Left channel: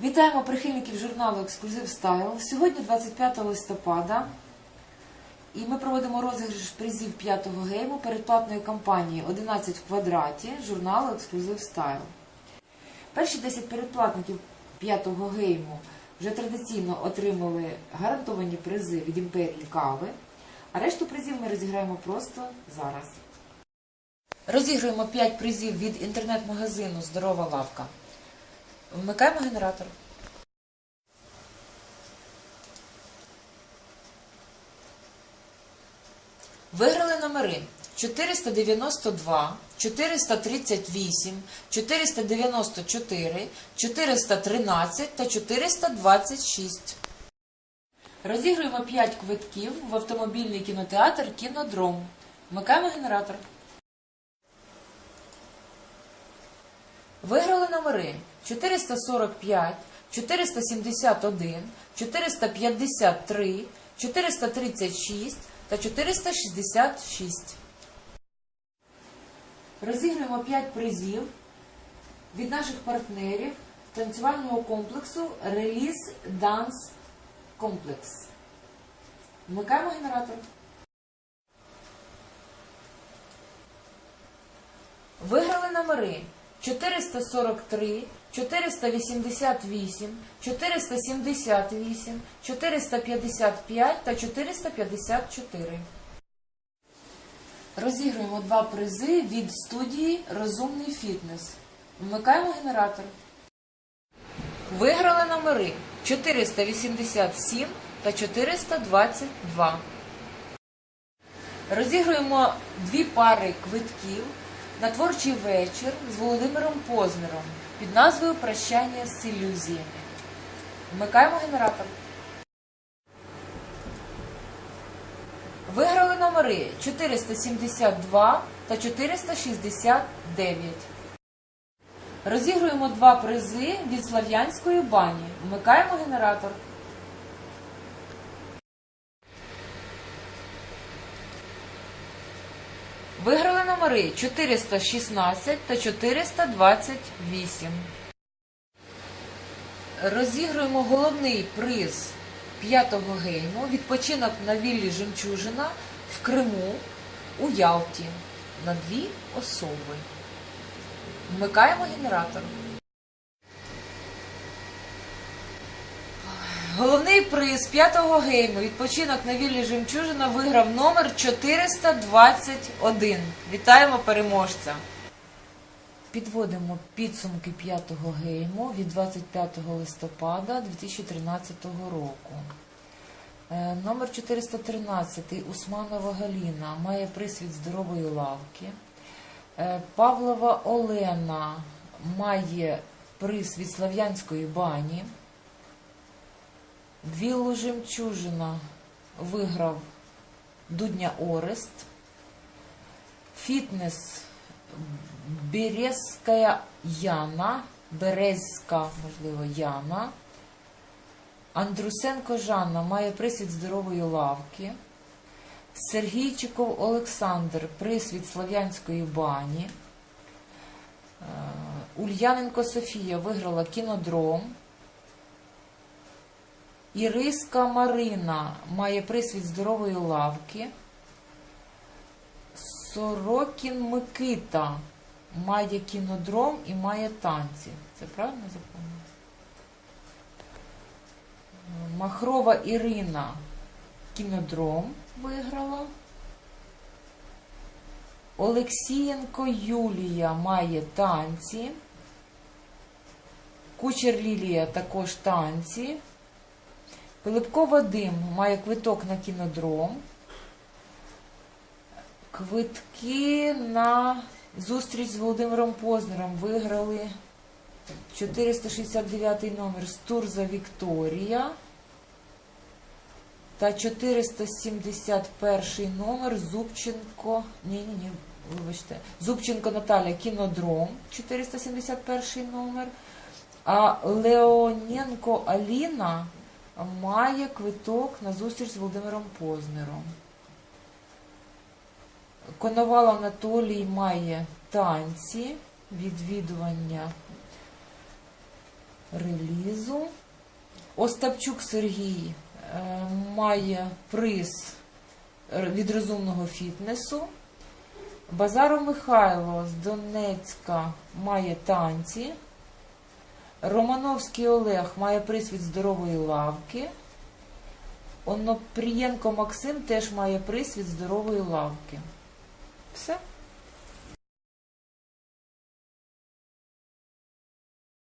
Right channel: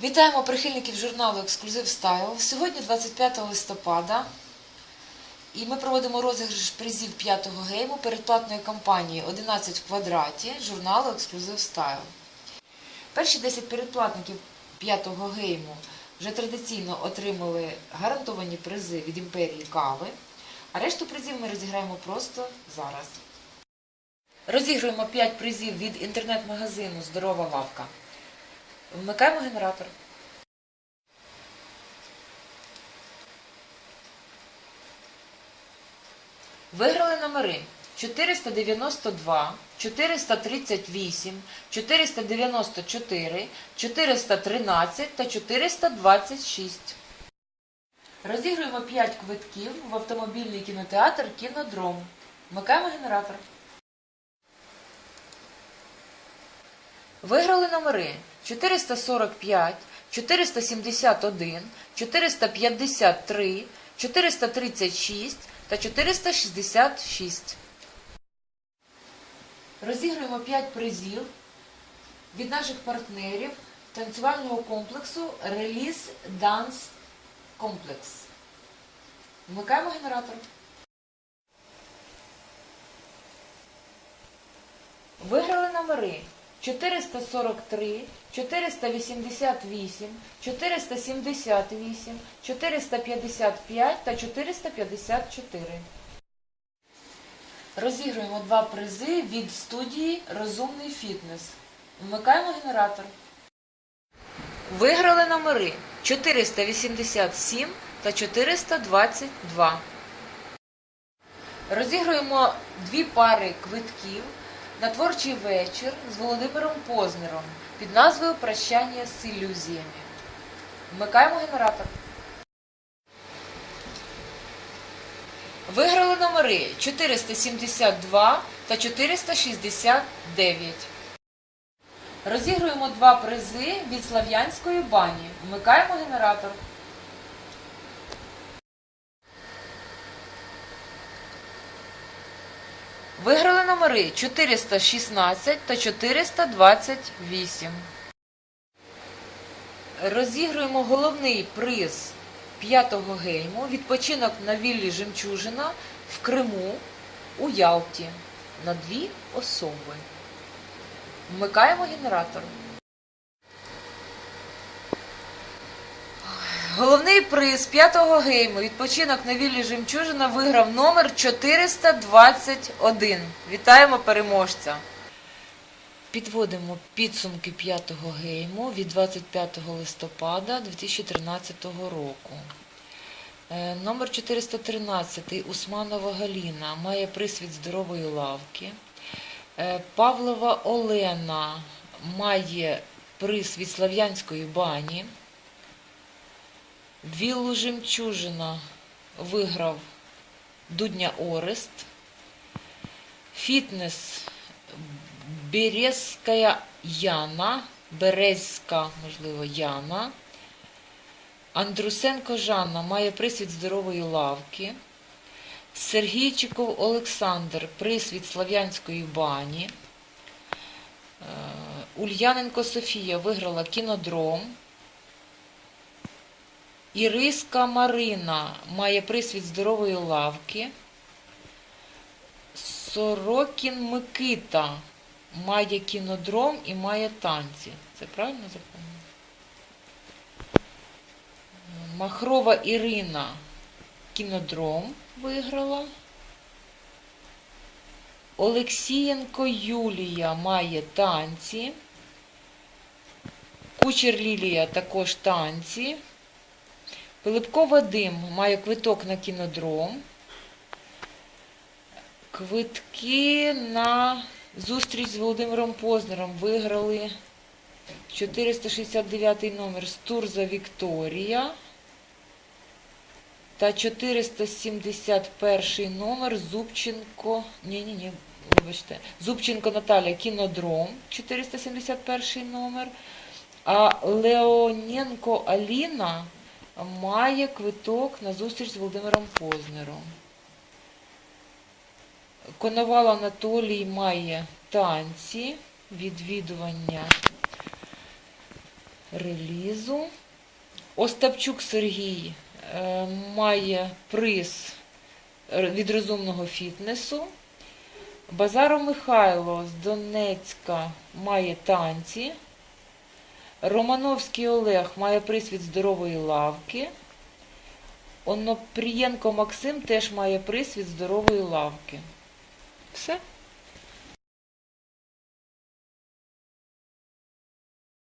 Вітаємо прихильників журналу Ексклюзив Стайл. Сьогодні 25 листопада, і ми проводимо розіграш призів п'ятого гейму передплатної кампанії 11 в квадраті журналу Ексклюзив Стайл. Перші 10 передплатників п'ятого гейму вже традиційно отримали гарантовані призи від імперії кави, а решту призів ми розіграємо просто зараз. Розігруємо 5 призів від інтернет-магазину Здорова лавка. Вмикаємо генератор. Виграли номери 492, 438, 494, 413 та 426. Розігруємо 5 квитків в автомобільний кінотеатр Кінодром. Вмикаємо генератор. Виграли номери 445, 471, 453, 436 та 466. Розіграємо 5 призів від наших партнерів танцювального комплексу Реліз Данс Комплекс. Вмикаємо генератор. Виграли номери 443, 488, 478, 455 та 454. Розігруємо два призи від студії Розумний фітнес. Вмикаємо генератор. Виграли номери 487 та 422. Розігруємо дві пари квитків на творчий вечір з Володимиром Познером під назвою Прощання з ілюзіями. Вмикаємо генератор. Виграли номери 472 та 469. Розігруємо два призи від Слав'янської бані. Вмикаємо генератор. Виграли номери 416 та 428. Розігруємо головний приз п'ятого гейму відпочинок на віллі Жемчужина в Криму у Ялті на дві особи. Вмикаємо генератор. Головний приз п'ятого гейму відпочинок на віллі Жемчужина виграв номер 421. Вітаємо переможця! Підводимо підсумки п'ятого гейму від 25 листопада 2013 року. Е, Номер 413 Усманова Галіна має приз від здорової лавки. Е, Павлова Олена має приз від Слав'янської бані. Віллу Жемчужина виграв Дудня Орест. Фітнес Березська Яна, Березька, можливо, Яна. Андрусенко Жанна має приз від здорової лавки. Сергійчиков Олександр приз від Слав'янської бані. Е, Ульяненко Софія виграла кінодром. Іриска Марина має приз здорової лавки. Сорокін Микита має кінодром і має танці. Це правильно запам'ятала? Махрова Ірина кінодром виграла. Олексієнко Юлія має танці. Кучер Лілія також танці. Пилипко Вадим має квиток на кінодром. Квитки на зустріч з Володимиром Познером виграли 469 номер Стурза Вікторія та 471 номер Зубченко. Ні, ні, ні, вибачте. Зубченко Наталя Кінодром, 471 номер. А Леоненко Аліна має квиток на зустріч з Володимиром Познером. Коновал Анатолій має танці, відвідування релізу. Остапчук Сергій е, має приз від розумного фітнесу. Базаров Михайло з Донецька має танці. Романовський Олег має присвід здорової лавки. Онопрієнко Максим теж має присвід здорової лавки. Все.